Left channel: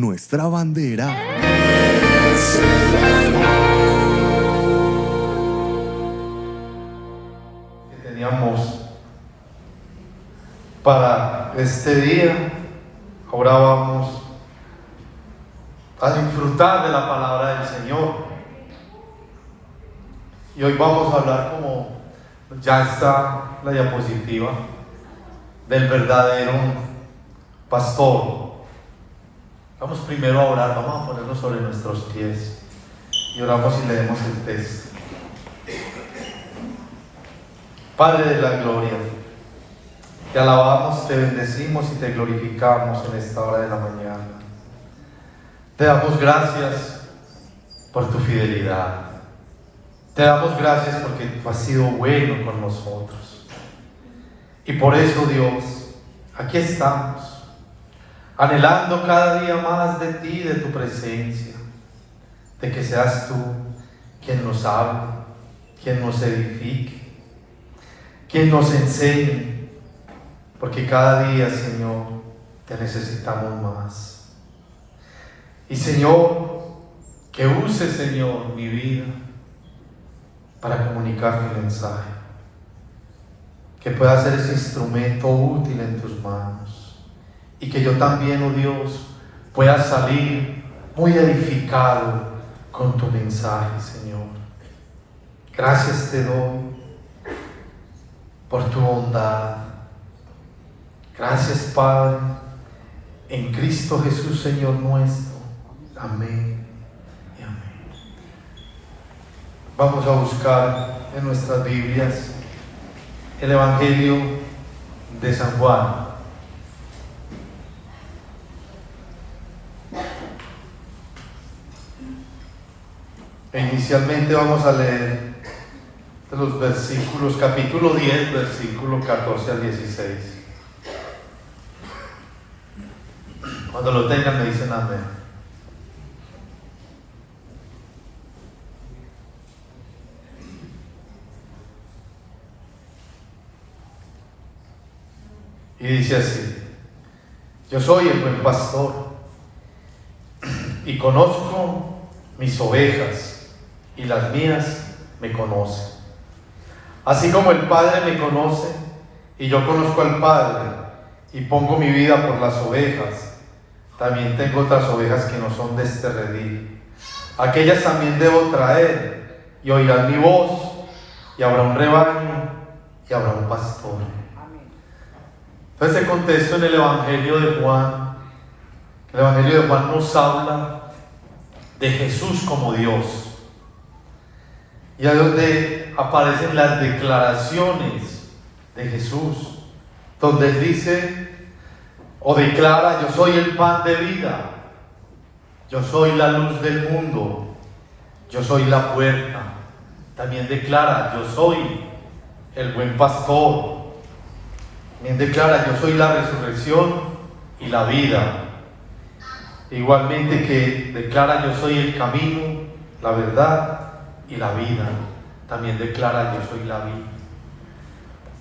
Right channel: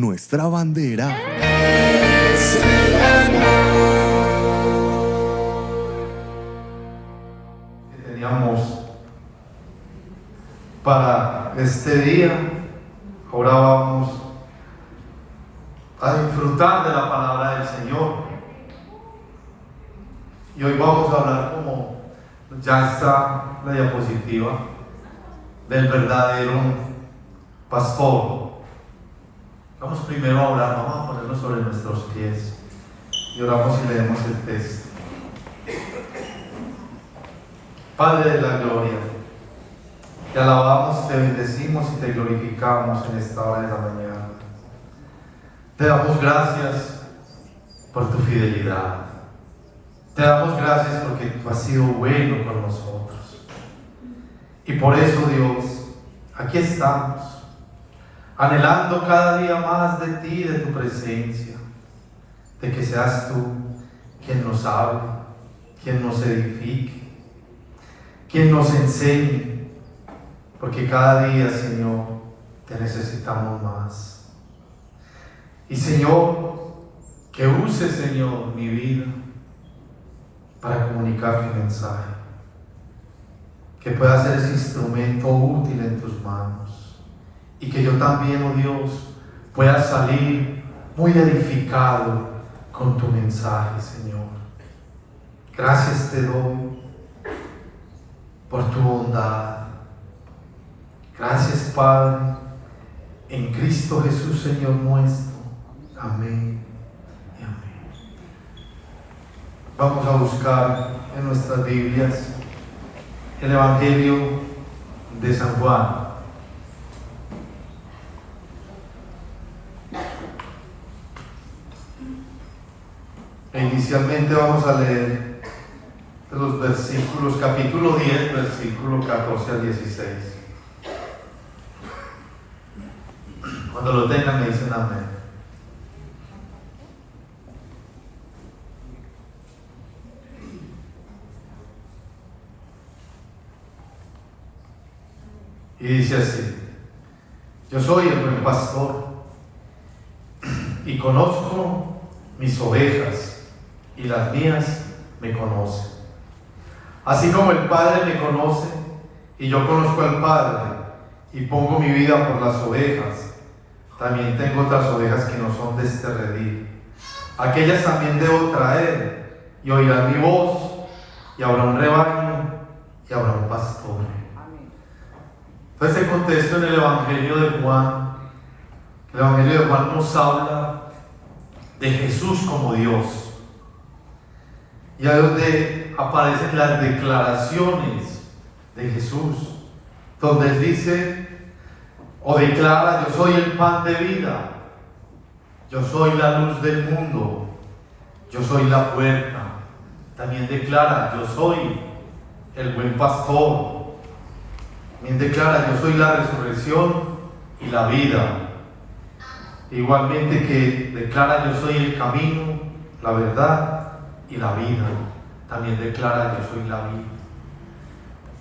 nuestra bandera. Que teníamos para este día, ahora vamos a disfrutar de la palabra del Señor. Y hoy vamos a hablar, como ya está la diapositiva, del verdadero pastor. Vamos primero a orar, vamos a ponernos sobre nuestros pies y oramos y leemos el texto. Padre de la gloria, te alabamos, te bendecimos y te glorificamos en esta hora de la mañana. Te damos gracias por tu fidelidad. Te damos gracias porque tú has sido bueno con nosotros. Y por eso, Dios, aquí estamos, anhelando cada día más de ti, de tu presencia, de que seas tú quien nos hable, quien nos edifique, quien nos enseñe, porque cada día, Señor, te necesitamos más. Y Señor, que use, Señor, mi vida para comunicar mi mensaje, que pueda ser ese instrumento útil en tus manos, y que yo también, oh Dios, pueda salir muy edificado con tu mensaje, Señor. Gracias te doy por tu bondad. Gracias, Padre, en Cristo Jesús, Señor nuestro. Amén y amén. Vamos a buscar en nuestras Biblias el Evangelio de San Juan. Inicialmente vamos a leer de los versículos, capítulo 10, versículo 14 al 16. Cuando lo tengan me dicen amén. Y dice así: yo soy el buen pastor y conozco mis ovejas, y las mías me conocen. Así como el Padre me conoce y yo conozco al Padre y pongo mi vida por las ovejas, también tengo otras ovejas que no son de este redil. Aquellas también debo traer, y oirán mi voz, y habrá un rebaño y habrá un pastor. Entonces, este contexto en el Evangelio de Juan, el Evangelio de Juan nos habla de Jesús como Dios. Y ahí es donde aparecen las declaraciones de Jesús, donde Él dice o declara: yo soy el pan de vida, yo soy la luz del mundo, yo soy la puerta. También declara: yo soy el buen pastor. También declara: yo soy la resurrección y la vida. Igualmente que declara: yo soy el camino, la verdad y la vida. También declara: yo soy la vida.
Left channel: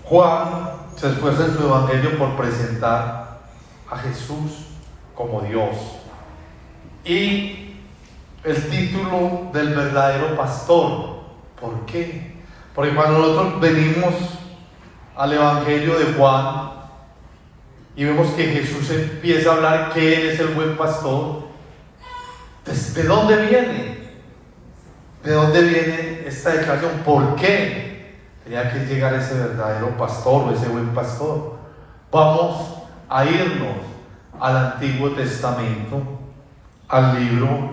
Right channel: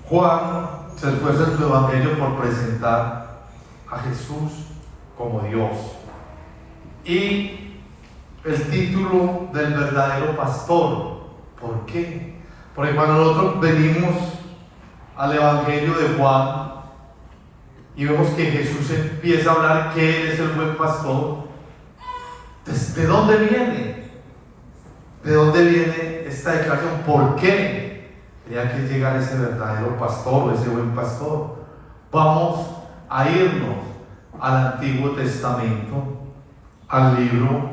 Juan se esfuerza en su evangelio por presentar a Jesús como Dios. Y el título del verdadero pastor. ¿Por qué? Porque cuando nosotros venimos al evangelio de Juan y vemos que Jesús empieza a hablar que Él es el buen pastor, ¿de dónde viene? ¿De dónde viene esta declaración? ¿Por qué tenía que llegar ese verdadero pastor o ese buen pastor? Vamos a irnos al Antiguo Testamento, al libro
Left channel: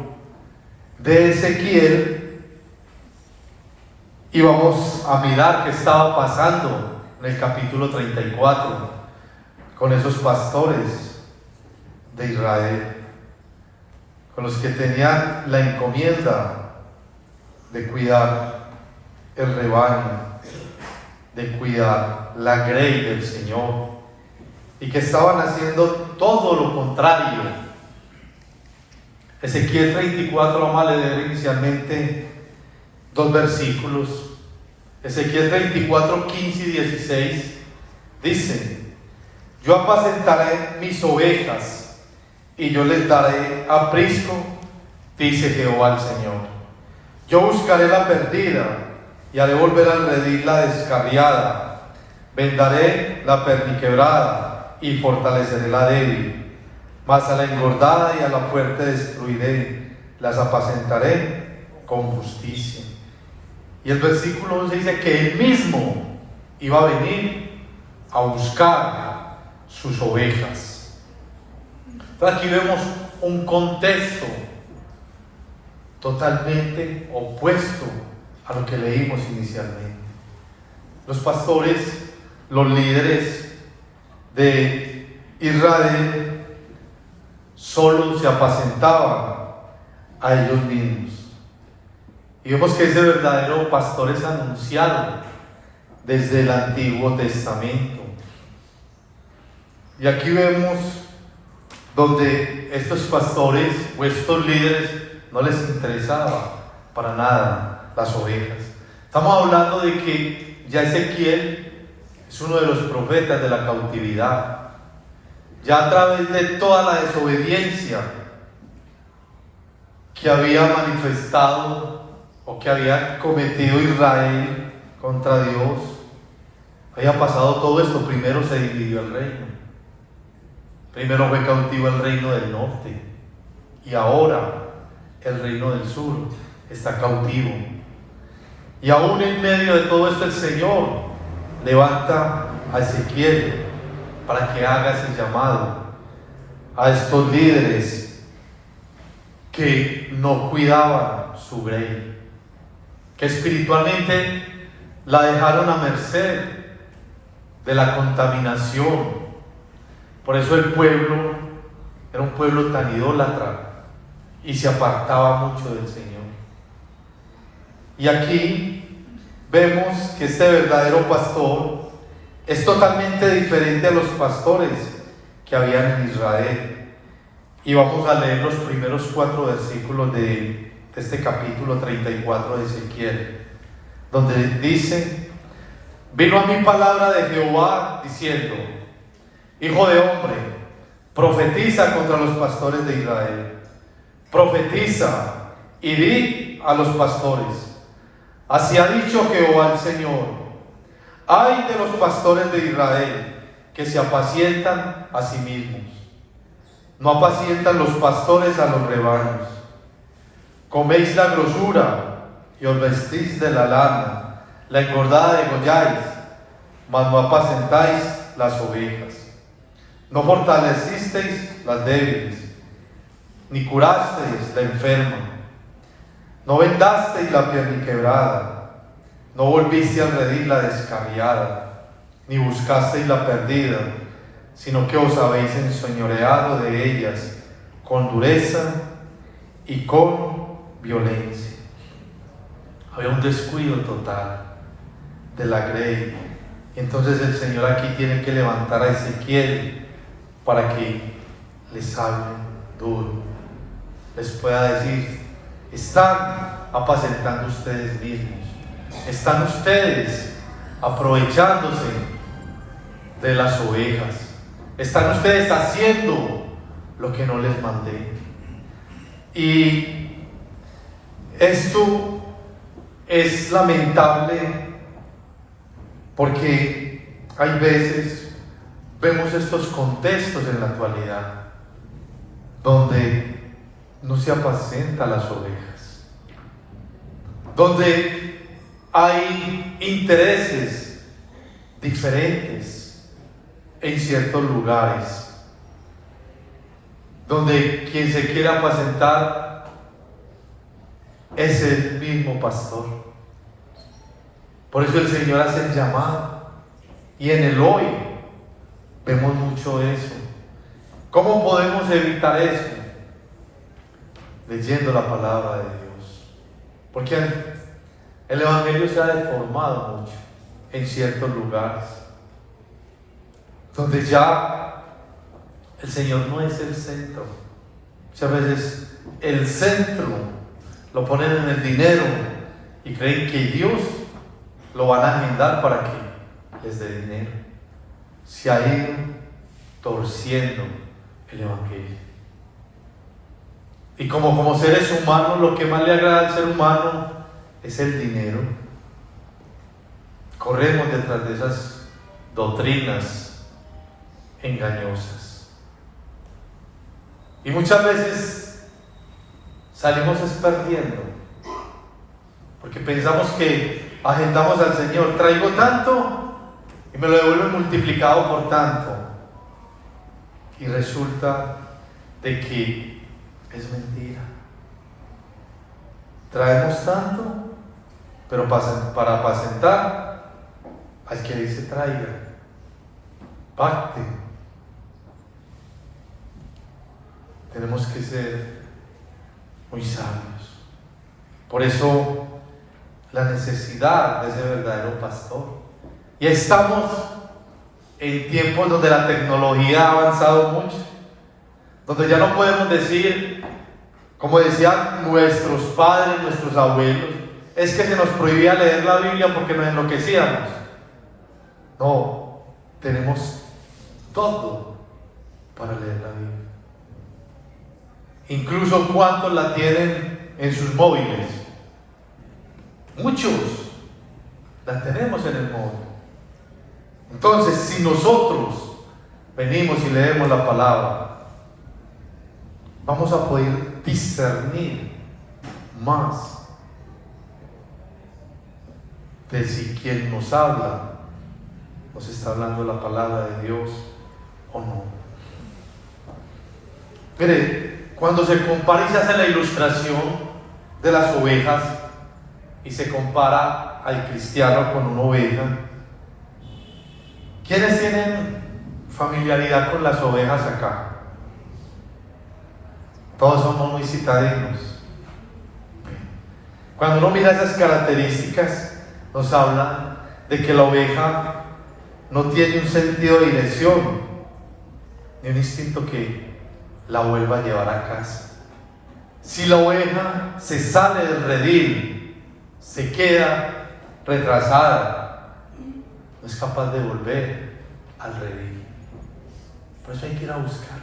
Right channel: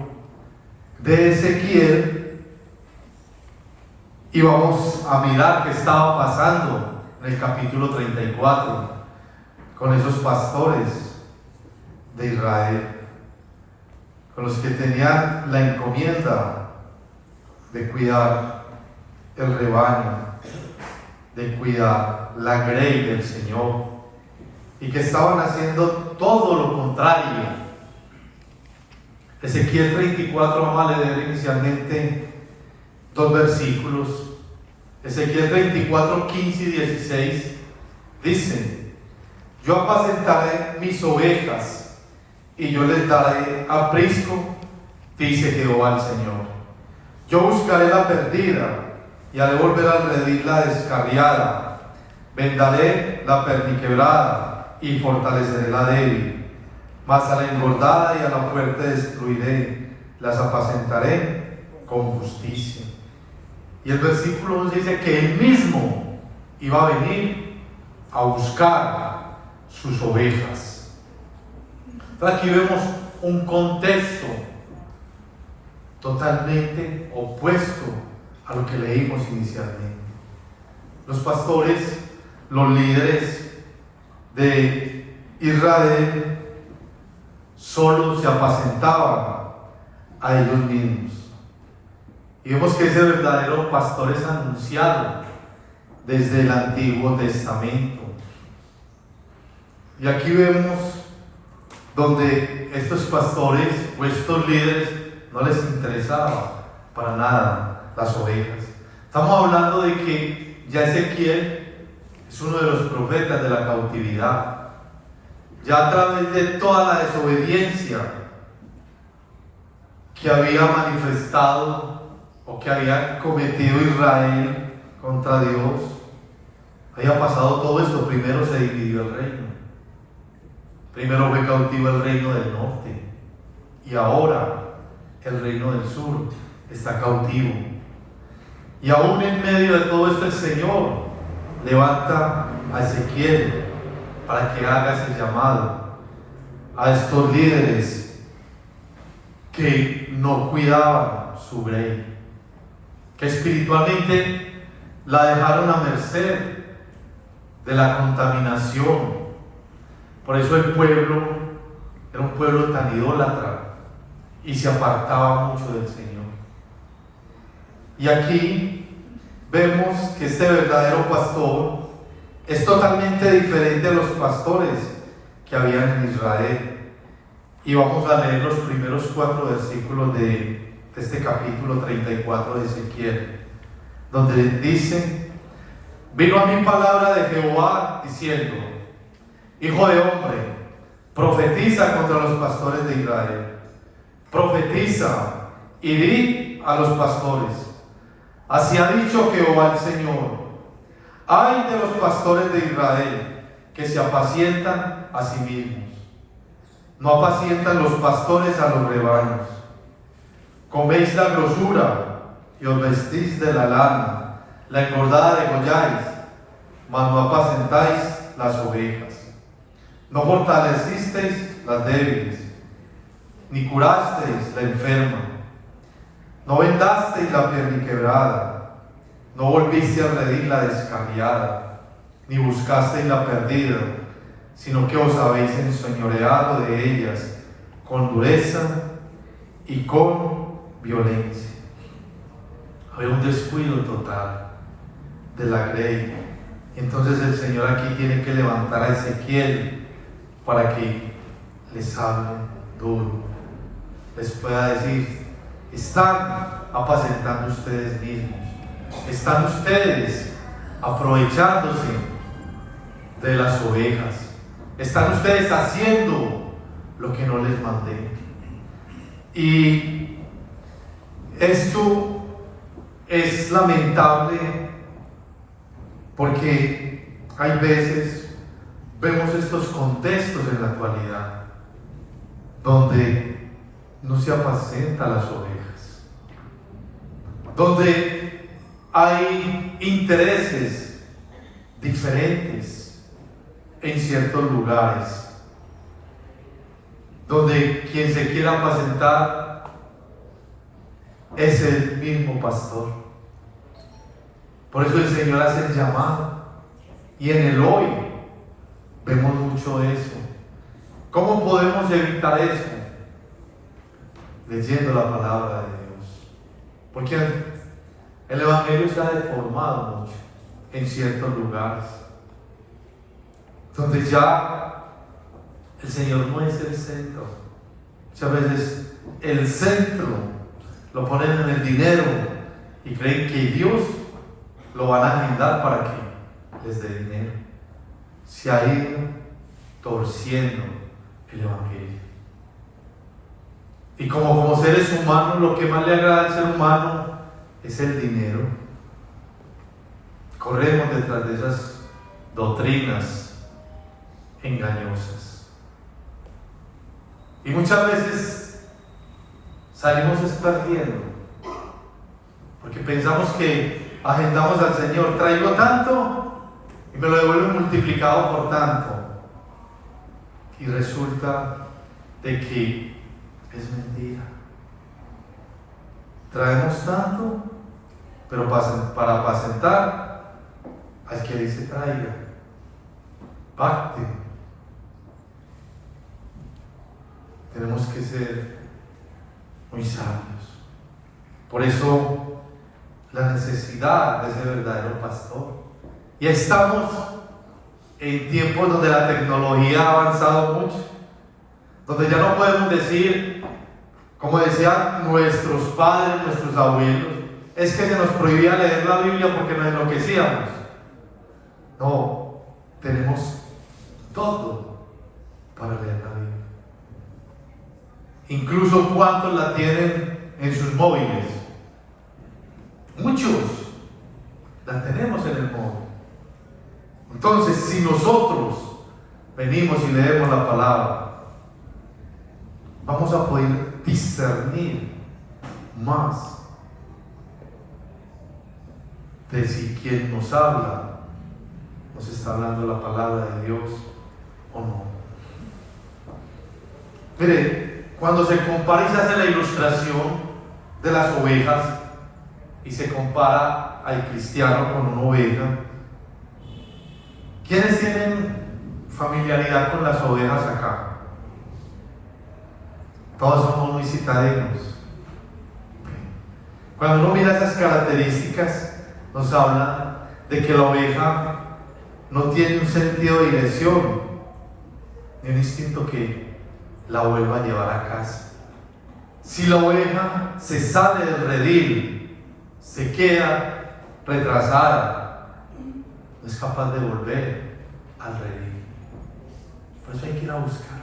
de Ezequiel, y vamos a mirar qué estaba pasando en el capítulo 34 con esos pastores de Israel, con los que tenían la encomienda de cuidar el rebaño, de cuidar la grey del Señor, y que estaban haciendo todo lo contrario. Ezequiel 34, vamos a leer inicialmente dos versículos. Ezequiel 34, 15 y 16 dice: yo apacentaré mis ovejas y yo les daré aprisco, dice Jehová el Señor. Yo buscaré la perdida y haré volver al redil la descarriada. Vendaré la perniquebrada y fortaleceré la débil. Mas a la engordada y a la fuerte destruiré, las apacentaré con justicia. Y el versículo 11 dice que Él mismo iba a venir a buscar sus ovejas. Pero aquí vemos un contexto totalmente opuesto a lo que leímos inicialmente. Los pastores, los líderes de Israel, solo se apacentaban a ellos mismos. Y vemos que ese verdadero pastor es anunciado desde el Antiguo Testamento. Y aquí vemos donde estos pastores o estos líderes no les interesaba para nada las ovejas. Estamos hablando de que ya Ezequiel es uno de los profetas de la cautividad. Ya a través de toda la desobediencia que había manifestado o que había cometido Israel contra Dios, había pasado todo esto. Primero se dividió el reino. Primero fue cautivo el reino del norte y ahora el reino del sur está cautivo. Y aún en medio de todo esto el Señor levanta a Ezequiel para que haga ese llamado a estos líderes que no cuidaban su grey, que espiritualmente la dejaron a merced de la contaminación. Por eso el pueblo era un pueblo tan idólatra y se apartaba mucho del Señor. Y aquí vemos que este verdadero pastor es totalmente diferente a los pastores que habían en Israel. Y vamos a leer los primeros 4 versículos de este capítulo 34 de Ezequiel, donde dice: vino a mí palabra de Jehová diciendo: hijo de hombre, profetiza contra los pastores de Israel. Profetiza y di a los pastores: así ha dicho Jehová el Señor, ay de los pastores de Israel, que se apacientan a sí mismos. No apacientan los pastores a los rebaños. Coméis la grosura y os vestís de la lana, la engordada degolláis, mas no apacentáis las ovejas. No fortalecisteis las débiles, ni curasteis la enferma. No vendasteis la perniquebrada, no volviste a redil la descarriada, ni buscasteis la perdida, sino que os habéis enseñoreado de ellas con dureza y con violencia. Había un descuido total de la grey. Entonces el Señor aquí tiene que levantar a Ezequiel para que les hable duro, les pueda decir: están apacentando ustedes mismos, están ustedes aprovechándose de las ovejas, están ustedes haciendo lo que no les mandé. Y esto es lamentable porque hay veces vemos estos contextos en la actualidad donde no se apacenta las ovejas, donde hay intereses diferentes en ciertos lugares, donde quien se quiera apacentar es el mismo pastor. Por eso el Señor hace el llamado, y en el hoy vemos mucho de eso. ¿Cómo podemos evitar eso? Leyendo la palabra de Dios. Porque el Evangelio se ha deformado mucho en ciertos lugares, donde ya el Señor no es el centro. Muchas veces el centro lo ponen en el dinero y creen que Dios lo van a agendar para que les dé dinero. Se ha ido torciendo el Evangelio. Y como seres humanos, lo que más le agrada al ser humano es el dinero. Corremos detrás de esas doctrinas engañosas. Y muchas veces salimos perdiendo, porque pensamos que agendamos al Señor, traigo tanto y me lo devuelve multiplicado por tanto. Y resulta de que es mentira. Traemos tanto, pero para apacentar al que dice traiga, pacte. Tenemos que ser muy sabios. Por eso la necesidad de ese verdadero pastor. Y estamos en tiempos donde la tecnología ha avanzado mucho, donde ya no podemos decir, como decían nuestros padres, nuestros abuelos, es que se nos prohibía leer la Biblia porque nos enloquecíamos. No, tenemos todo para leer la Biblia. Incluso cuántos la tienen en sus móviles. Muchos la tenemos en el móvil. Entonces, si nosotros venimos y leemos la palabra, vamos a poder discernir más de si quien nos habla nos está hablando la palabra de Dios o no. Mire, cuando se compara y se hace la ilustración de las ovejas y se compara al cristiano con una oveja, ¿quiénes tienen familiaridad con las ovejas acá? Todos somos muy citadinos. Cuando uno mira esas características, nos habla de que la oveja no tiene un sentido de dirección, ni un instinto que la vuelva a llevar a casa. Si la oveja se sale del redil, se queda retrasada, no es capaz de volver al redil. Por eso hay que ir a buscar.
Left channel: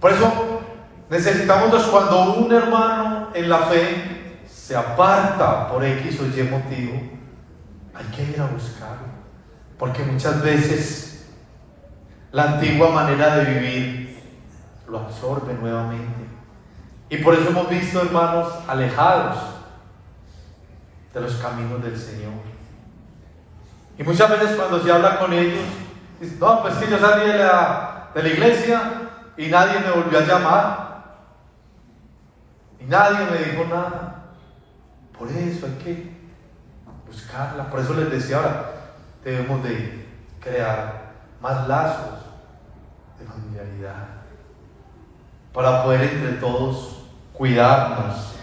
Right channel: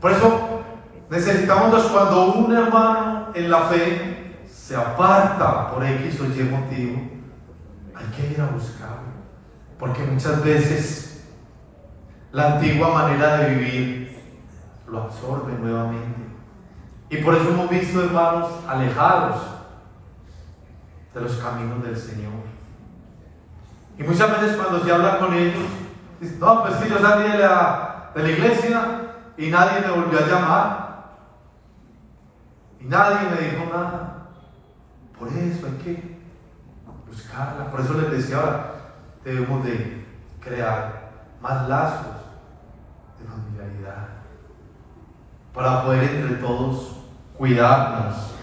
Por eso necesitamos, cuando un hermano en la fe se aparta por X o Y motivo, hay que ir a buscarlo, porque muchas veces la antigua manera de vivir lo absorbe nuevamente. Y por eso hemos visto hermanos alejados de los caminos del Señor. Y muchas veces cuando se habla con ellos, dicen, no, pues que yo salí de la iglesia y nadie me volvió a llamar. Y nadie me dijo nada. Por eso hay que buscarla. Por eso les decía ahora, debemos de crear más lazos de familiaridad para poder entre todos cuidarnos.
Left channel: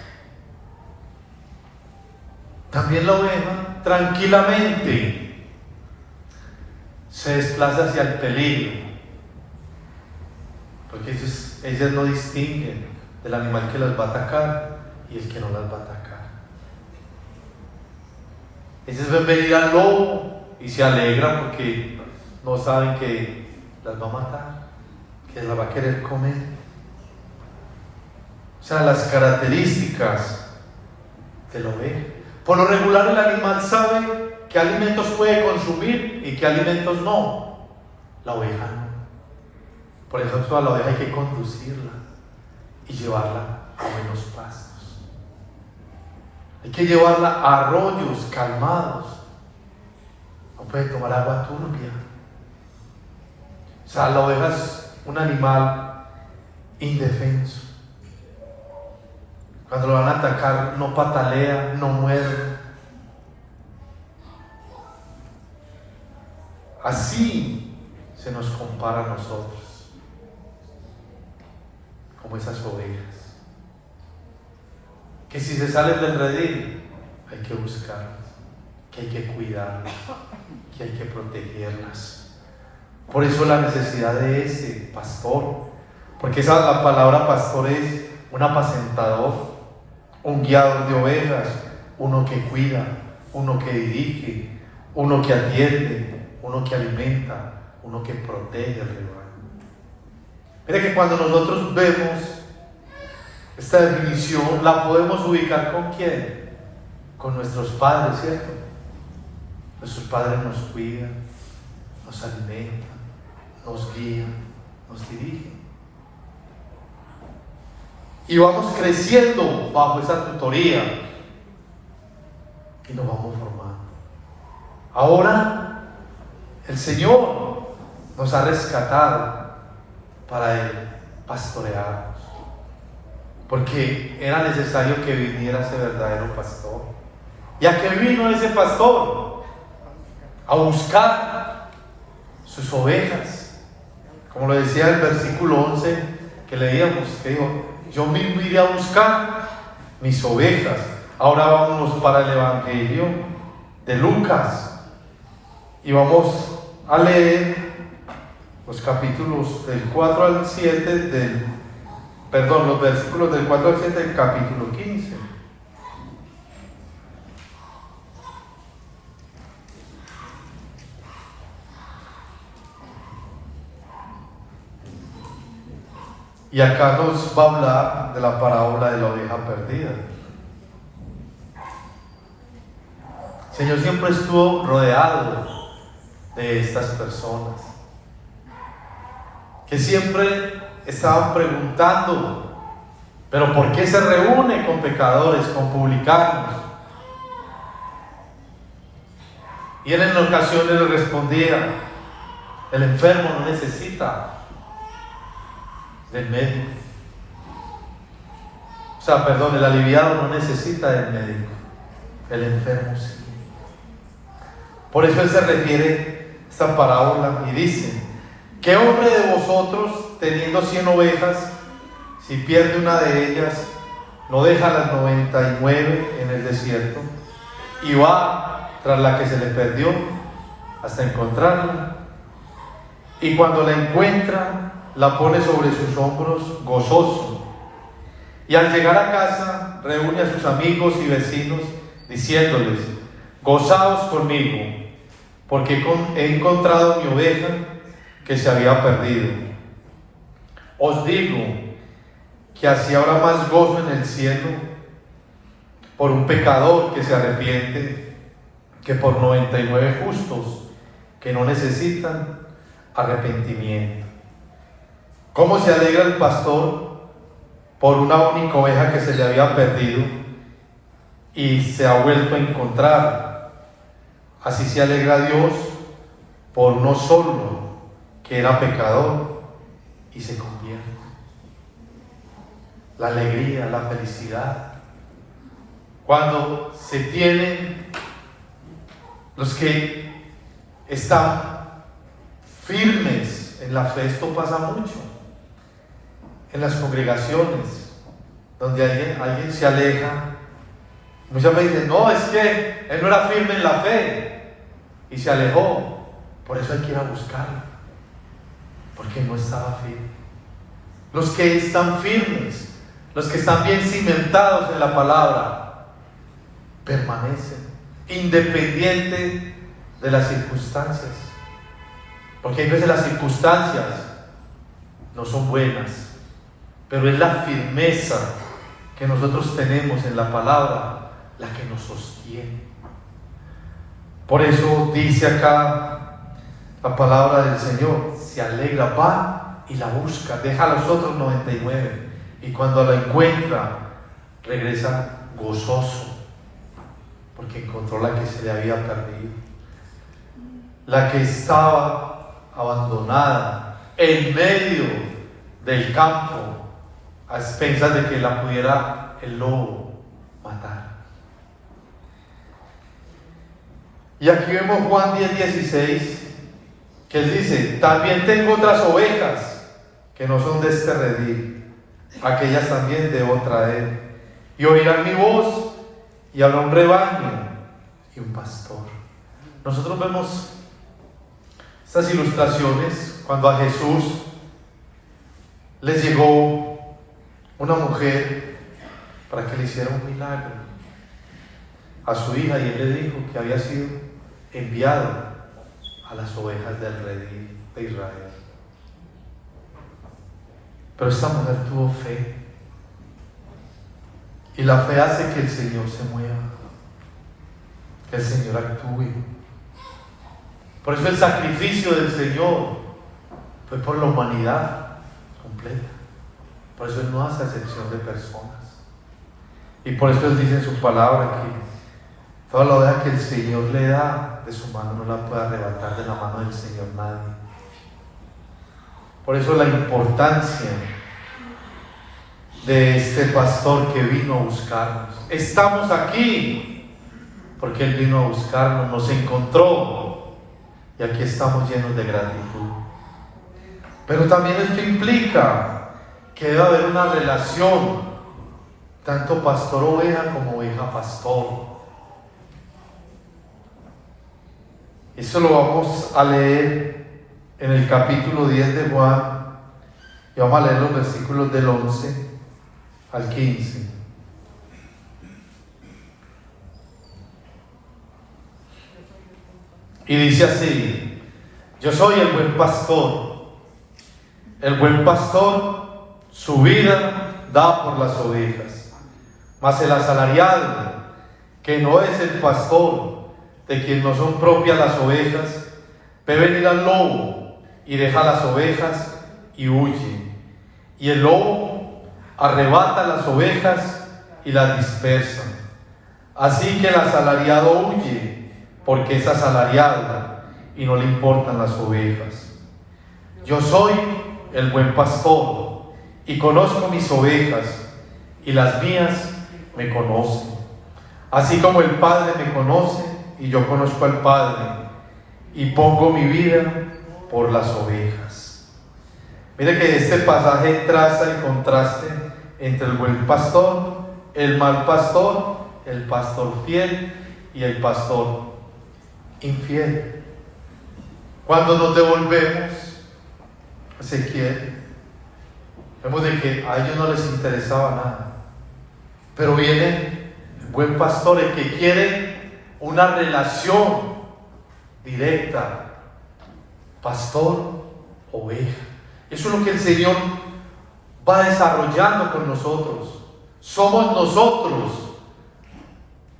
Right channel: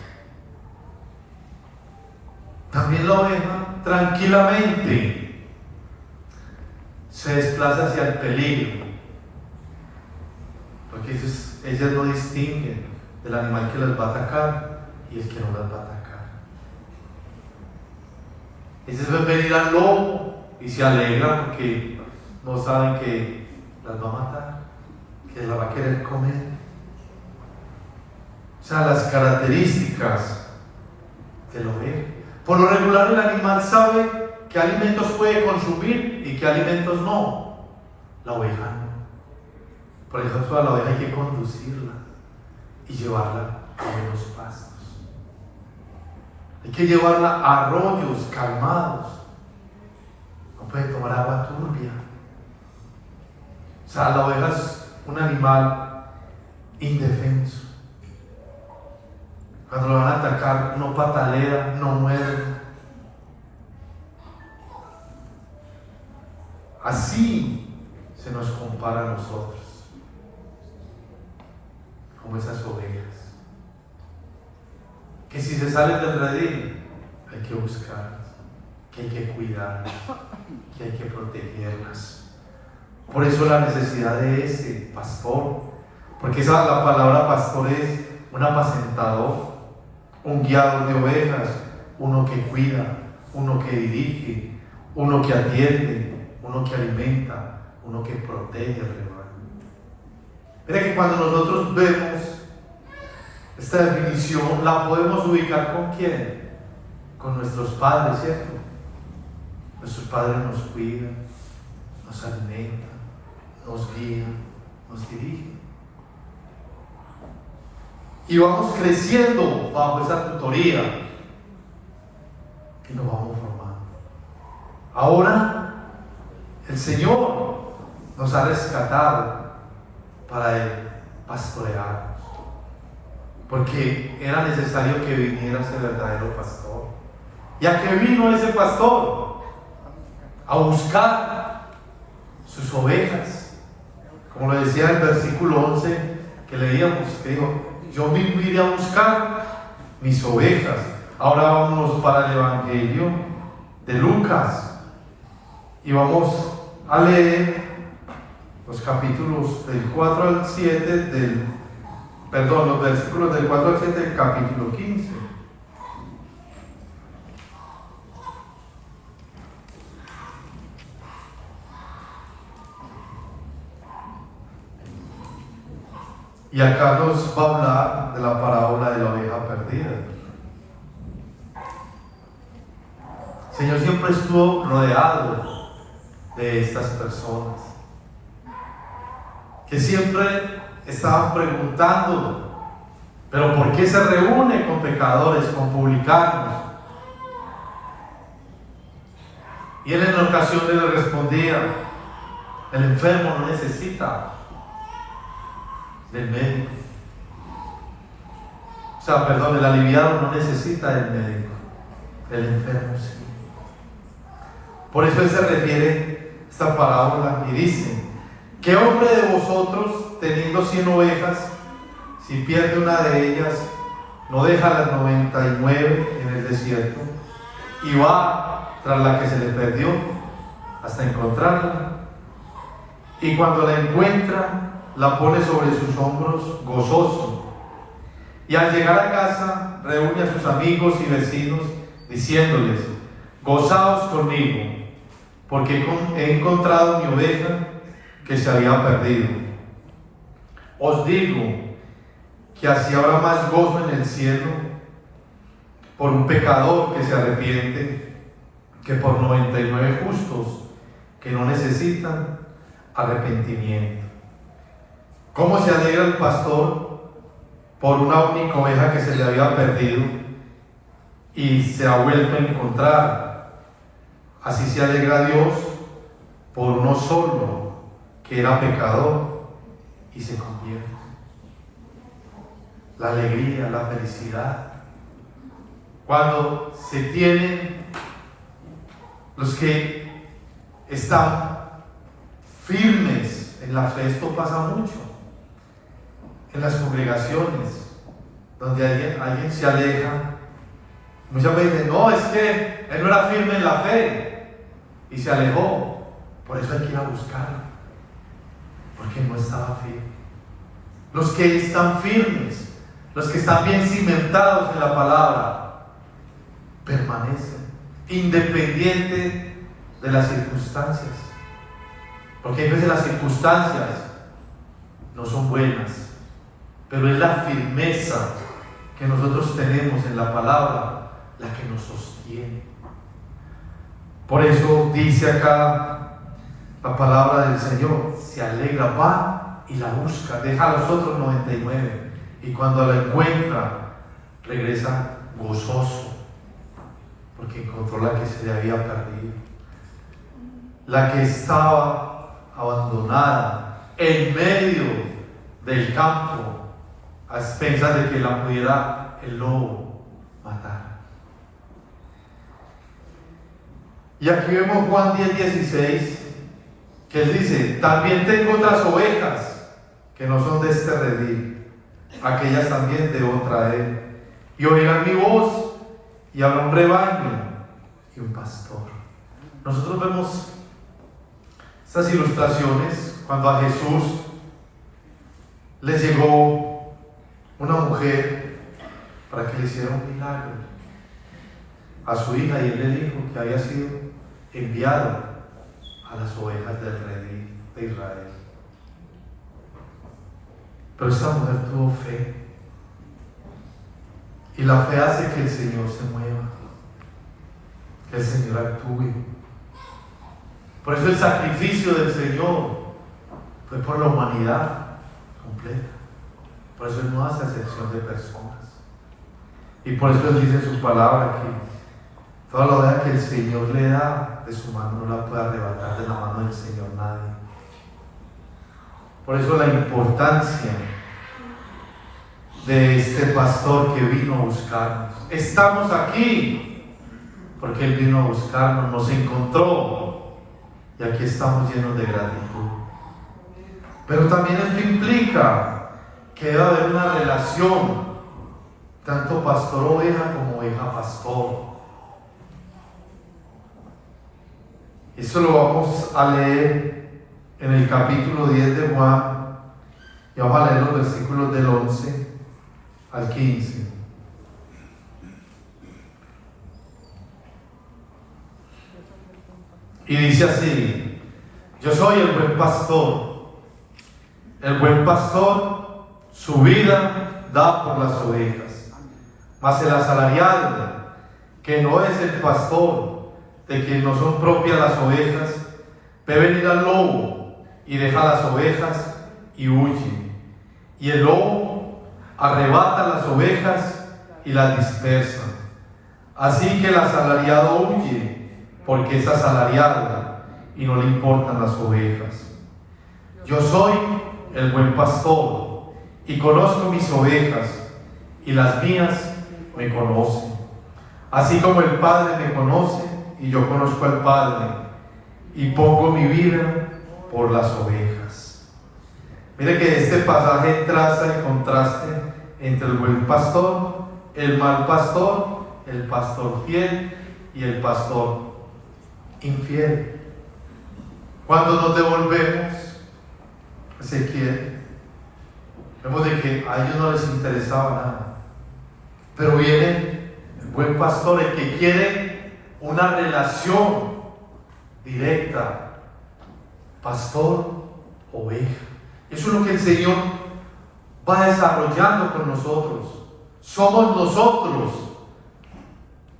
También la oveja tranquilamente se desplaza hacia el peligro, porque ellas no distinguen del animal que las va a atacar y el que no las va a atacar. Ellas ven venir al lobo y se alegran porque no saben que las va a matar, que las va a querer comer. O sea, las características de la oveja. Por lo regular el animal sabe qué alimentos puede consumir y qué alimentos no. La oveja no. Por ejemplo, a la oveja hay que conducirla y llevarla a buenos pastos. Hay que llevarla a arroyos calmados. No puede tomar agua turbia. O sea, la oveja es un animal indefenso. Cuando lo van a atacar, no patalea, no muerde. Así se nos compara a nosotros, como esas ovejas, que si se salen del redil, hay que buscarlas, que hay que cuidarlas, que hay que protegerlas. Por eso la necesidad de este pastor, porque la palabra pastor es un apacentador, un guiador de ovejas, uno que cuida, uno que dirige, uno que atiende, uno que alimenta, uno que protege el rebaño. Mira que cuando nosotros vemos Esta definición la podemos ubicar ¿con quién? Con nuestros padres, ¿cierto? Nuestros padres nos cuidan, nos alimentan, nos guían, nos dirigen. Y vamos creciendo bajo esa tutoría y nos vamos formando. Ahora el Señor nos ha rescatado para Él pastorearnos, porque era necesario que viniera ese verdadero pastor. ¿Y a qué vino ese pastor? A buscar sus ovejas. Como lo decía el versículo 11 que leíamos, que dijo: yo mismo iré a buscar mis ovejas. Ahora vámonos para el Evangelio de Lucas y vamos a leer los capítulos del 4 al 7 los versículos del 4 al 7 del capítulo 15. Y acá nos va a hablar de la parábola de la oveja perdida. El Señor siempre estuvo rodeado de estas personas que siempre estaban preguntando: ¿pero por qué se reúne con pecadores, con publicanos? Y él en ocasiones le respondía: el enfermo no necesita del médico. El aliviado no necesita del médico, el enfermo sí. Por eso él se refiere a esta parábola y dice: ¿qué hombre de vosotros, teniendo 100 ovejas, si pierde una de ellas, no deja las 99 en el desierto y va tras la que se le perdió hasta encontrarla? Y cuando la encuentra, la pone sobre sus hombros gozoso. Y al llegar a casa, reúne a sus amigos y vecinos, diciéndoles: gozaos conmigo, porque he encontrado mi oveja que se había perdido. Os digo que así habrá más gozo en el cielo por un pecador que se arrepiente que por 99 justos que no necesitan arrepentimiento. ¿Cómo se alegra el pastor por una única oveja que se le había perdido y se ha vuelto a encontrar? Así se alegra Dios por uno solo que era pecador y se convierte. La alegría, la felicidad, cuando se tienen los que están firmes en la fe. Esto pasa mucho en las congregaciones donde alguien se aleja. Muchas veces dicen: no, es que él no era firme en la fe y se alejó. Por eso hay que ir a buscarlo, porque no estaba firme. Los que están firmes, los que están bien cimentados en la palabra, permanecen independiente de las circunstancias, porque a veces las circunstancias no son buenas, pero es la firmeza que nosotros tenemos en la palabra la que nos sostiene. Por eso dice acá la palabra del Señor: se alegra, va y la busca, deja a los otros 99, y cuando la encuentra regresa gozoso, porque encontró la que se le había perdido, la que estaba abandonada en medio del campo, a expensas de que la pudiera el lobo matar. Y aquí vemos Juan 10:16, que él dice: también tengo otras ovejas que no son de este redil, aquellas también debo traer, y oirán mi voz, y habrá un rebaño y un pastor. Nosotros vemos estas ilustraciones cuando a Jesús le llegó una mujer para que le hiciera un milagro a su hija, y él le dijo que había sido enviado a las ovejas del redil de Israel. Pero esta mujer tuvo fe Y la fe hace que el Señor se mueva, que el Señor actúe. Por eso el sacrificio del Señor fue por la humanidad completa. Por eso Él no hace acepción de personas. Y por eso Él dice en su palabra que toda la vida que el Señor le da de su mano no la puede arrebatar de la mano del Señor nadie. Por eso la importancia de este pastor que vino a buscarnos. Estamos aquí porque Él vino a buscarnos, nos encontró y aquí estamos llenos de gratitud. Pero también esto implica que debe haber una relación, tanto pastor-oveja como oveja-pastor. Eso lo vamos a leer en el capítulo 10 de Juan y vamos a leer los versículos del 11 al 15. Y dice así: yo soy el buen pastor. El buen pastor su vida da por las ovejas. Mas el asalariado, que no es el pastor, de quien no son propias las ovejas, ve venir al lobo y deja las ovejas y huye. Y el lobo arrebata las ovejas y las dispersa. Así que el asalariado huye, porque es asalariado y no le importan las ovejas. Yo soy el buen pastor y conozco mis ovejas, y las mías me conocen. Así como el Padre me conoce y yo conozco al Padre, y pongo mi vida por las ovejas. Mire que este pasaje traza el contraste entre el buen pastor, el mal pastor, el pastor fiel y el pastor infiel. Cuando nos devolvemos, Ezequiel, vemos de que a ellos no les interesaba nada, pero viene el buen pastor, el que quiere una relación directa, pastor-oveja. Eso es lo que el Señor va desarrollando con nosotros. Somos nosotros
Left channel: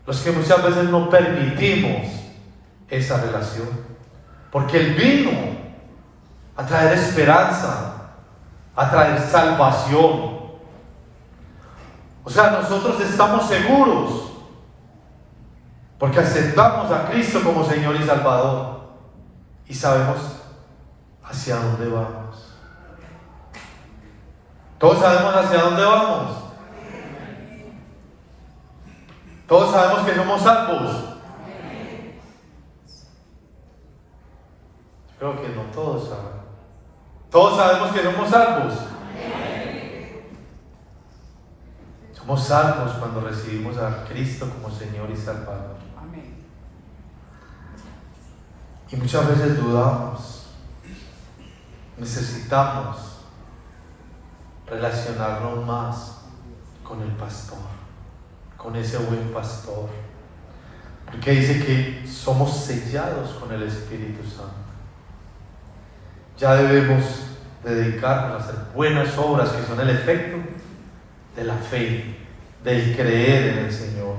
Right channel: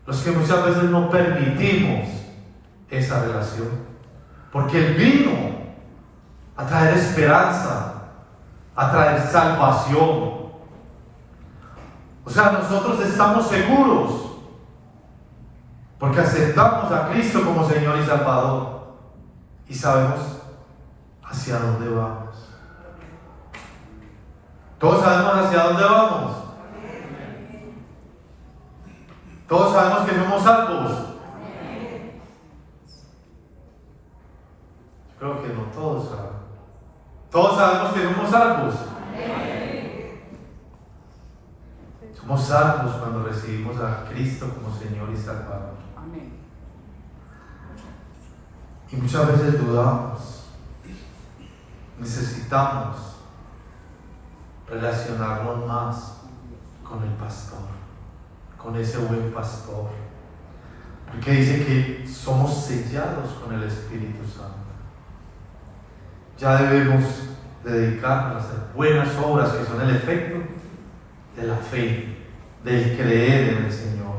los que muchas veces no permitimos esa relación, porque Él vino a traer esperanza, a traer salvación. O sea, nosotros estamos seguros porque aceptamos a Cristo como Señor y Salvador y sabemos hacia dónde vamos. ¿Todos sabemos hacia dónde vamos? ¿Todos sabemos que somos salvos? Creo que no todos saben. ¿Todos sabemos que somos salvos? Somos salvos cuando recibimos a Cristo como Señor y Salvador. Y muchas veces dudamos. Necesitamos relacionarnos más con el pastor, con ese buen pastor, porque dice que somos sellados con el Espíritu Santo. Ya debemos dedicarnos a hacer buenas obras que son el efecto de la fe, del creer en el Señor.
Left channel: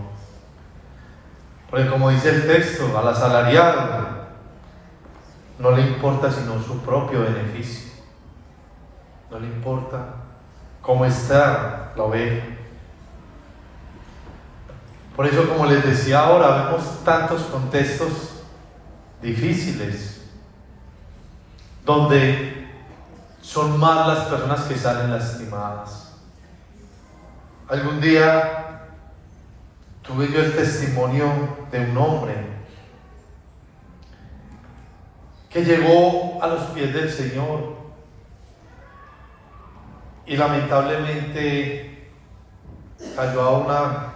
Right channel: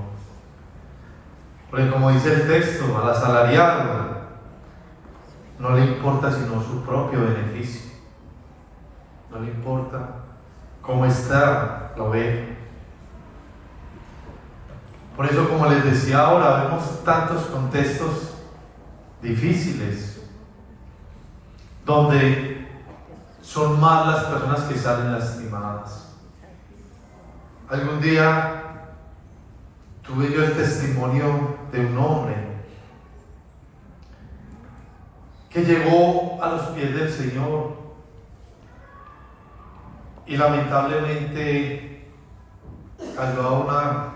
Porque como dice el texto, al asalariado no le importa sino su propio beneficio, no le importa cómo está la oveja. Por eso, como les decía ahora, vemos tantos contextos difíciles donde son más las personas que salen lastimadas. Algún día tuve yo el testimonio de un hombre que llegó a los pies del Señor y lamentablemente cayó a una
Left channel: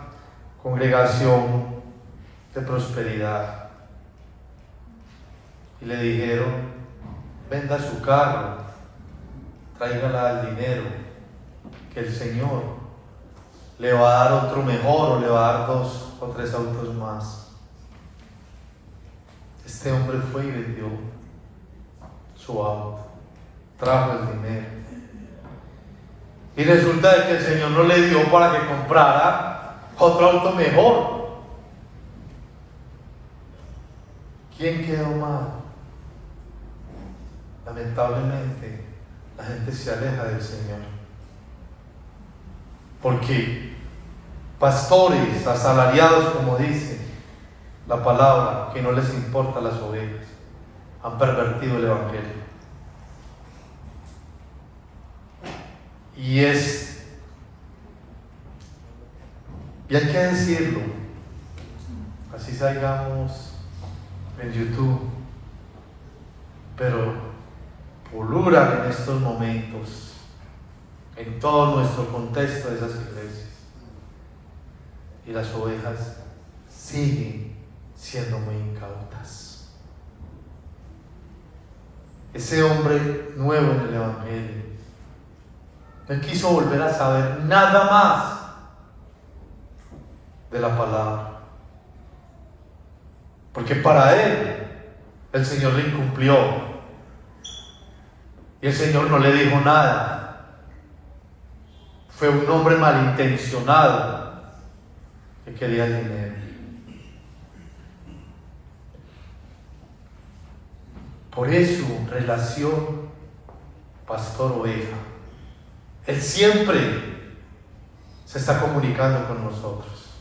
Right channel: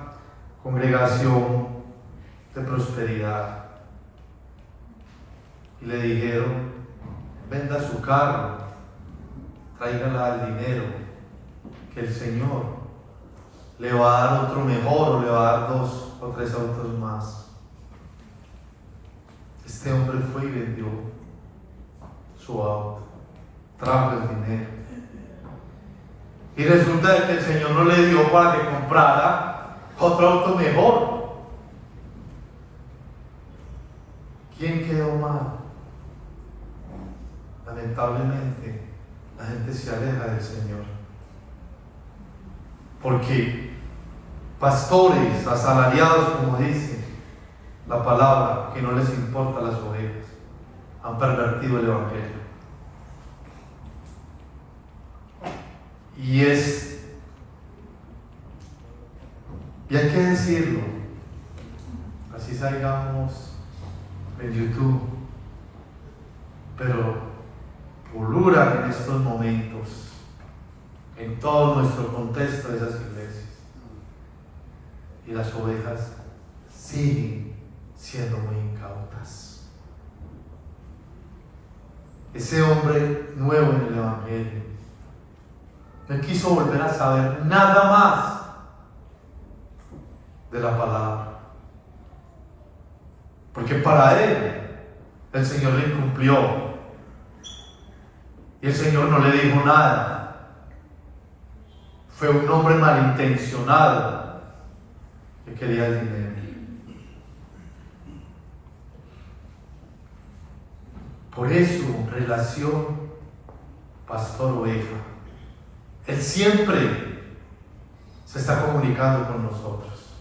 congregación de prosperidad y le dijeron: venda su carro, tráigala al dinero, que el Señor le va a dar otro mejor, o le va a dar 2 o 3 autos más. Este hombre fue y vendió su auto, trajo el dinero, y resulta que el Señor no le dio para que comprara otro auto mejor. ¿Quién quedó mal? Lamentablemente, la gente se aleja del Señor. Porque pastores asalariados, como dice la palabra, que no les importa las ovejas, han pervertido el Evangelio. Y hay que decirlo, así salgamos en YouTube, pero pululan en estos momentos, en todo nuestro contexto de esas iglesias, y las ovejas siguen siendo muy incautas. Ese hombre nuevo en el Evangelio no quiso volver a saber nada más de la palabra, porque para él el Señor le incumplió y el Señor no le dijo nada. Fue un hombre malintencionado que quería dinero. Por eso, relación pastor-oveja, Él siempre se está comunicando con nosotros.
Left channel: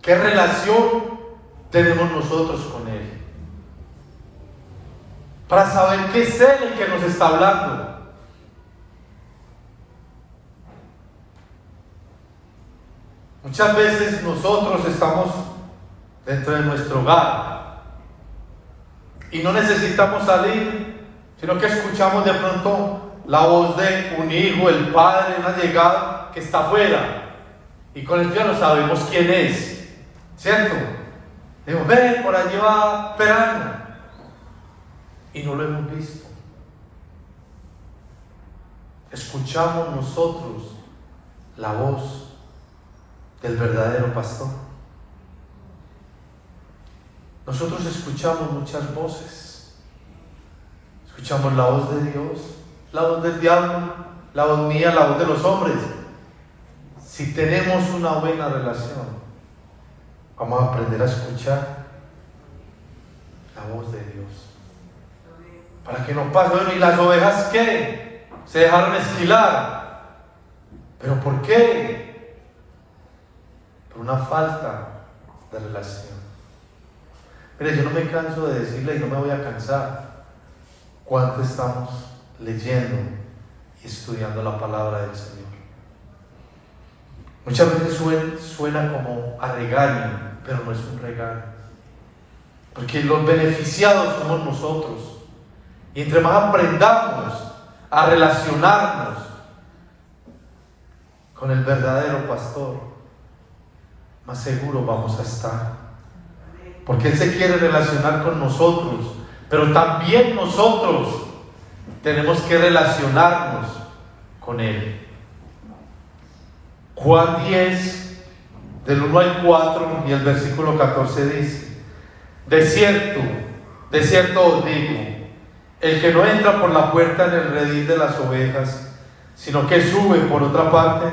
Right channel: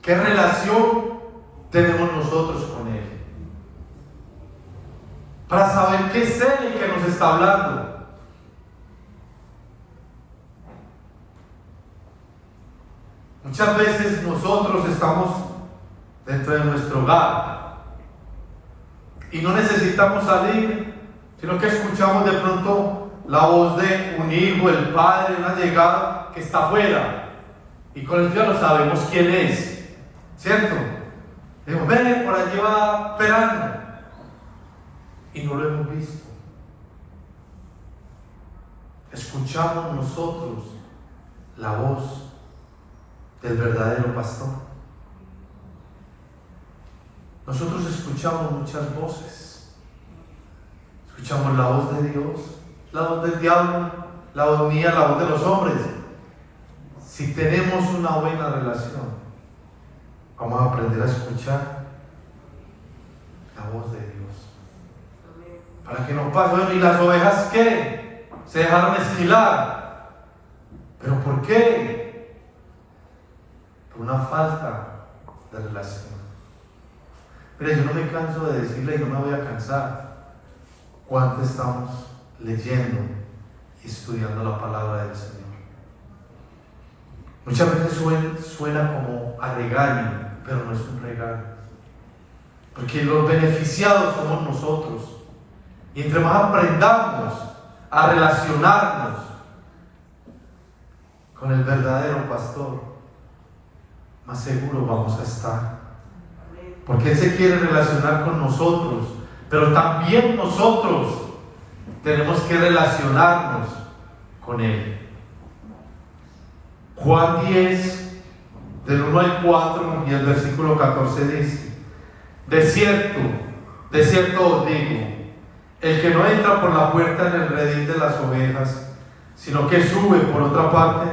¿Qué relación tenemos nosotros con Él? Para saber qué es Él el que nos está hablando. Muchas veces nosotros estamos dentro de nuestro hogar y no necesitamos salir, sino que escuchamos de pronto la voz de un hijo, el padre, una llegada que está afuera, y con eso ya no sabemos quién es, ¿cierto? Digo, ve, por allí va esperando, y no lo hemos visto. Escuchamos nosotros la voz del verdadero pastor. Nosotros escuchamos muchas voces. Escuchamos la voz de Dios, la voz del diablo, la voz mía, la voz de los hombres. Si tenemos una buena relación, vamos a aprender a escuchar la voz de Dios. Para que no pase, ¿y las ovejas qué? Se dejaron esquilar. ¿Pero por qué? Por una falta de relación. Mire, yo no me canso de decirle y no me voy a cansar cuánto estamos leyendo y estudiando la palabra del Señor. Muchas veces suena como a regaño, pero no es un regaño, porque los beneficiados somos nosotros. Y entre más aprendamos a relacionarnos con el verdadero pastor, más seguros vamos a estar. Porque Él se quiere relacionar con nosotros, pero también nosotros tenemos que relacionarnos con Él. Juan 10, del 1 al 4 y el versículo 14 dice: de cierto os digo, el que no entra por la puerta en el redil de las ovejas, sino que sube por otra parte,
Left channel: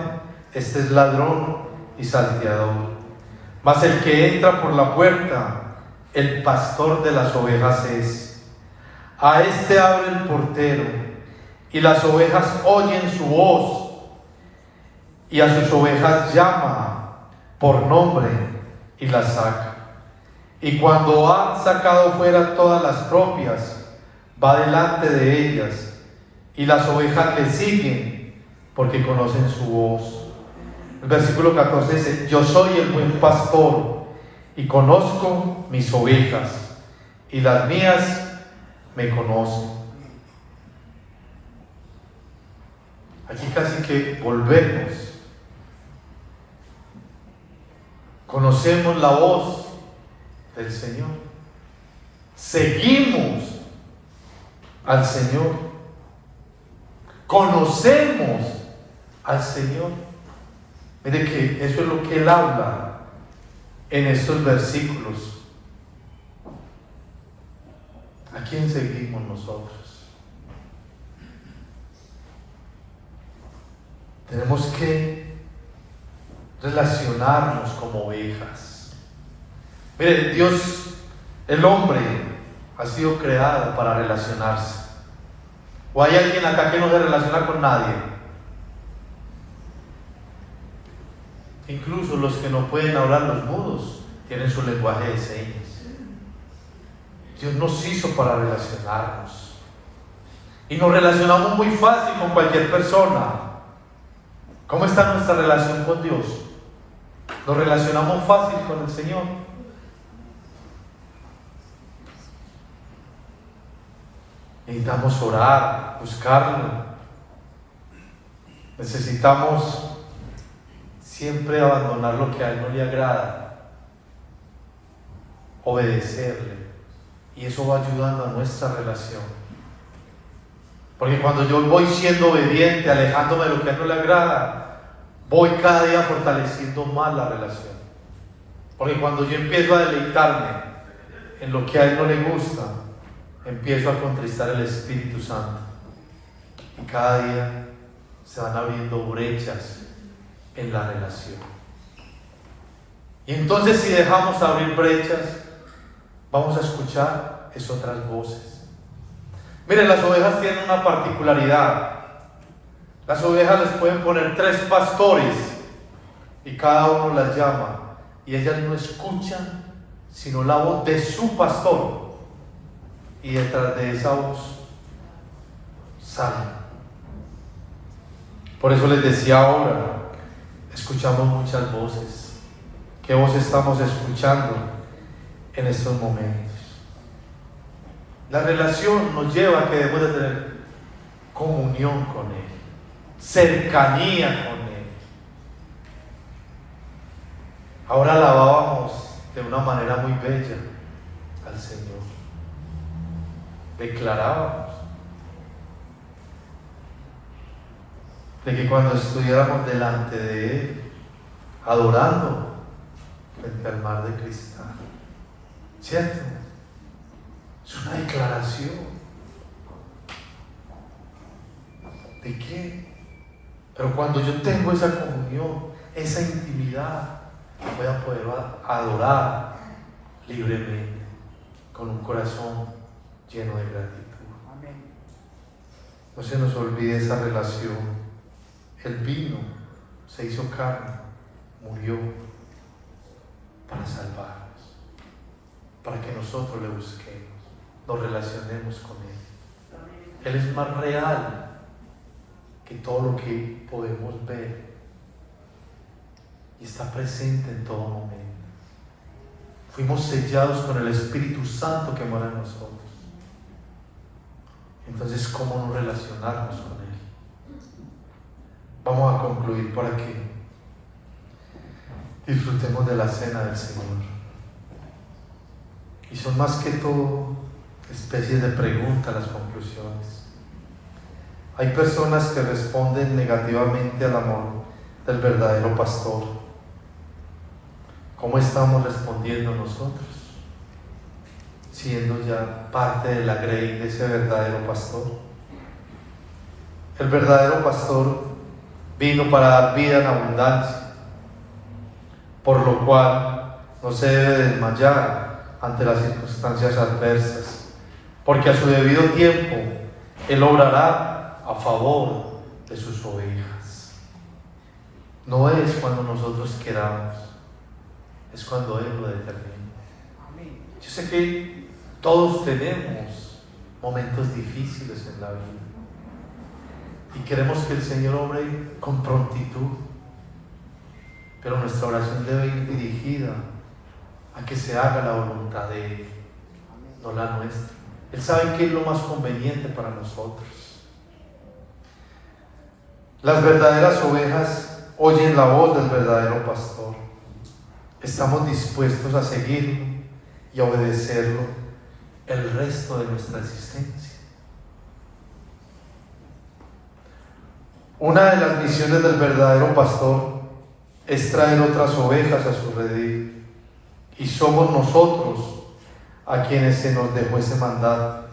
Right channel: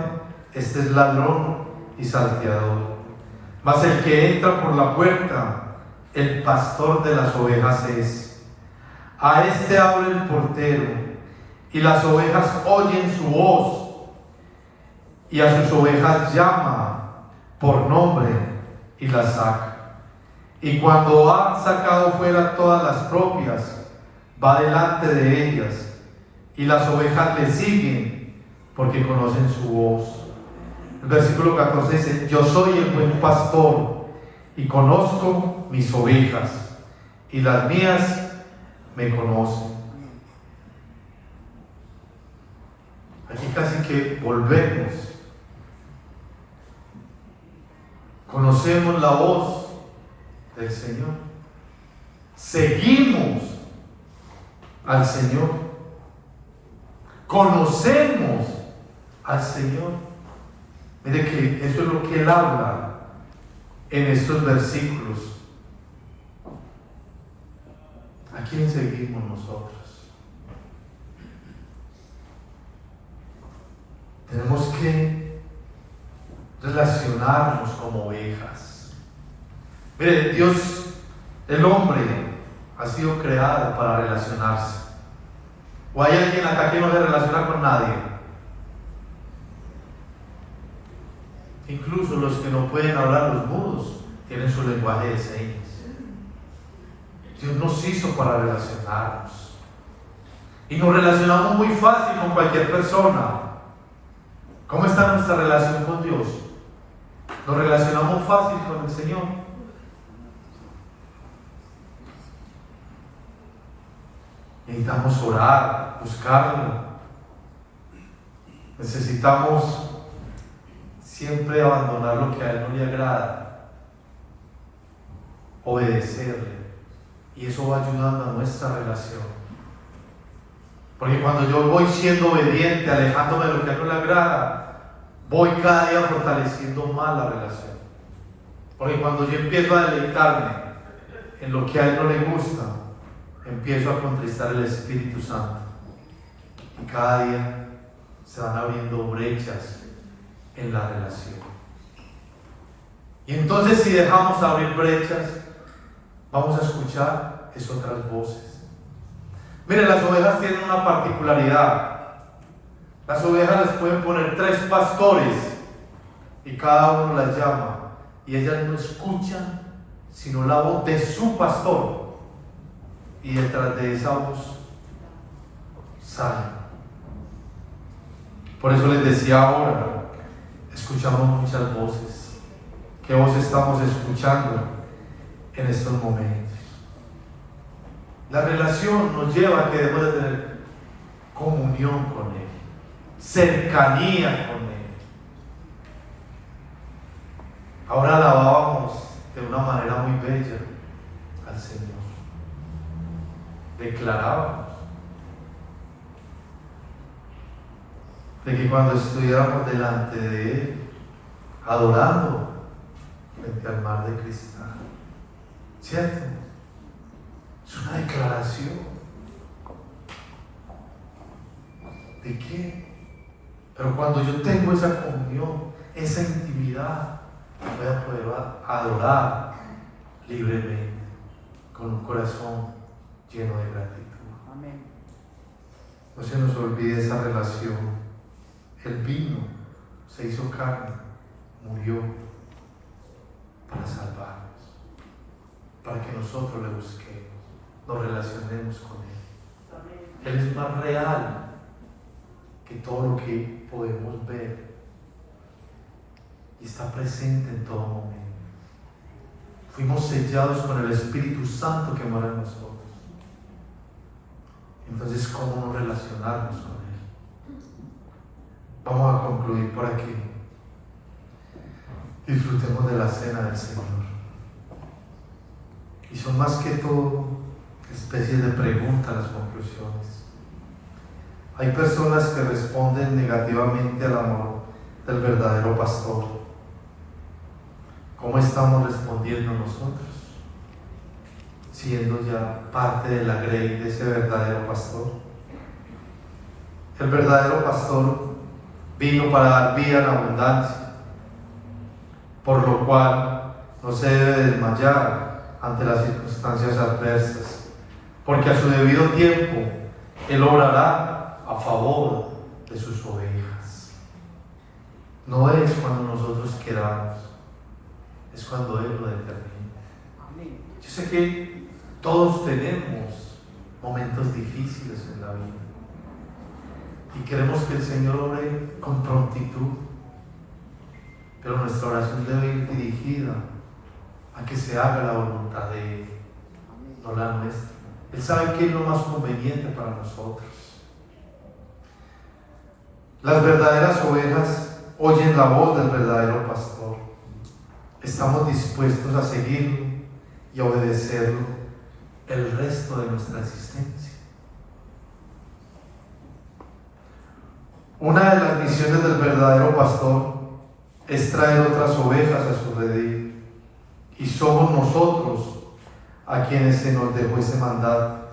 este es ladrón y salteador. Mas el que entra por la puerta, el pastor de las ovejas es. A este abre el portero, y las ovejas oyen su voz, y a sus ovejas llama por nombre y las saca. Y cuando ha sacado fuera todas las propias, va delante de ellas, y las ovejas le siguen porque conocen su voz. El versículo 14 dice: yo soy el buen pastor y conozco mis ovejas, y las mías me conocen. Aquí casi que volvemos. Conocemos la voz del Señor. Seguimos al Señor. Conocemos al Señor. Mire que eso es lo que Él habla en estos versículos. ¿A quién seguimos nosotros? Tenemos que relacionarnos como ovejas. Mire, Dios, el hombre ha sido creado para relacionarse. ¿O hay alguien acá que no se relaciona con nadie? Incluso los que no pueden hablar, los mudos, tienen su lenguaje de señas. Dios nos hizo para relacionarnos. Y nos relacionamos muy fácil con cualquier persona. ¿Cómo está nuestra relación con Dios? ¿Nos relacionamos fácil con el Señor? Necesitamos orar, buscarlo. Necesitamos siempre abandonar lo que a Él no le agrada, obedecerle. Y eso va ayudando a nuestra relación. Porque cuando yo voy siendo obediente, alejándome de lo que a Él no le agrada, voy cada día fortaleciendo más la relación. Porque cuando yo empiezo a deleitarme en lo que a Él no le gusta, empiezo a contristar el Espíritu Santo. Y cada día se van abriendo brechas en la relación. Y entonces, si dejamos abrir brechas, vamos a escuchar otras voces. Miren, las ovejas tienen una particularidad. Las ovejas les pueden poner 3 pastores y cada uno las llama, y ellas no escuchan sino la voz de su pastor, y detrás de esa voz salen. Por eso les decía ahora, escuchamos muchas voces. ¿Qué voz estamos escuchando en estos momentos? La relación nos lleva a que debemos de tener comunión con Él, cercanía con Él. Ahora alabábamos de una manera muy bella al Señor. Declarábamos de que cuando estuviéramos delante de Él, adorando frente al mar de cristal, ¿cierto? Es una declaración. ¿De qué? Pero cuando yo tengo esa comunión, esa intimidad, voy a poder adorar libremente, con un corazón lleno de gratitud. Amén. No se nos olvide esa relación. Él vino, se hizo carne, murió para salvarnos, para que nosotros le busquemos, nos relacionemos con Él. Él es más real que todo lo que podemos ver y está presente en todo momento. Fuimos sellados con el Espíritu Santo que mora en nosotros. Entonces, ¿cómo no relacionarnos con Él? Vamos a concluir por aquí. Disfrutemos de la cena del Señor. Y son más que todo especies de preguntas las conclusiones. Hay personas que responden negativamente al amor del verdadero pastor. ¿Cómo estamos respondiendo nosotros? Siendo ya parte de la grey de ese verdadero pastor. El verdadero pastor vino para dar vida en abundancia, por lo cual no se debe desmayar ante las circunstancias adversas, porque a su debido tiempo Él obrará a favor de sus ovejas. No es cuando nosotros queramos, es cuando Él lo determina. Yo sé que todos tenemos momentos difíciles en la vida y queremos que el Señor obre con prontitud, pero nuestra oración debe ir dirigida a que se haga la voluntad de Él, no la nuestra. Él sabe qué es lo más conveniente para nosotros. Las verdaderas ovejas oyen la voz del verdadero pastor. Estamos dispuestos a seguirlo y a obedecerlo el resto de nuestra existencia. Una de las misiones del verdadero pastor es traer otras ovejas a su redil, y somos nosotros a quienes se nos dejó ese mandato.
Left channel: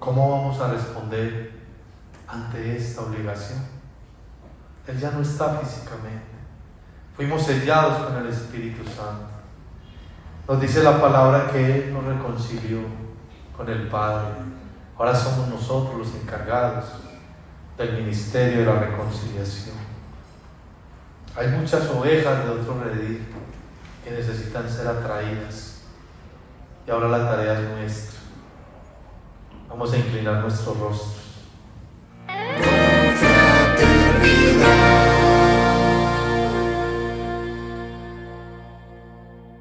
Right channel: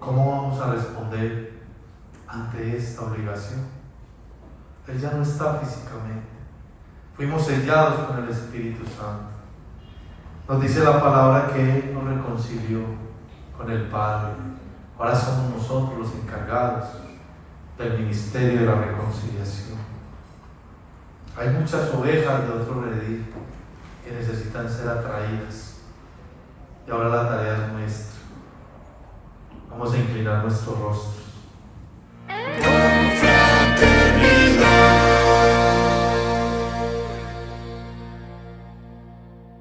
¿Cómo vamos a responder ante esta obligación? Él ya no está físicamente, Fuimos sellados con el Espíritu Santo. Nos dice la palabra que Él nos reconcilió con el Padre. Ahora somos nosotros los encargados del ministerio de la reconciliación. Hay muchas ovejas de otro redil que necesitan ser atraídas. Y ahora la tarea es nuestra. Vamos a inclinar nuestros rostros.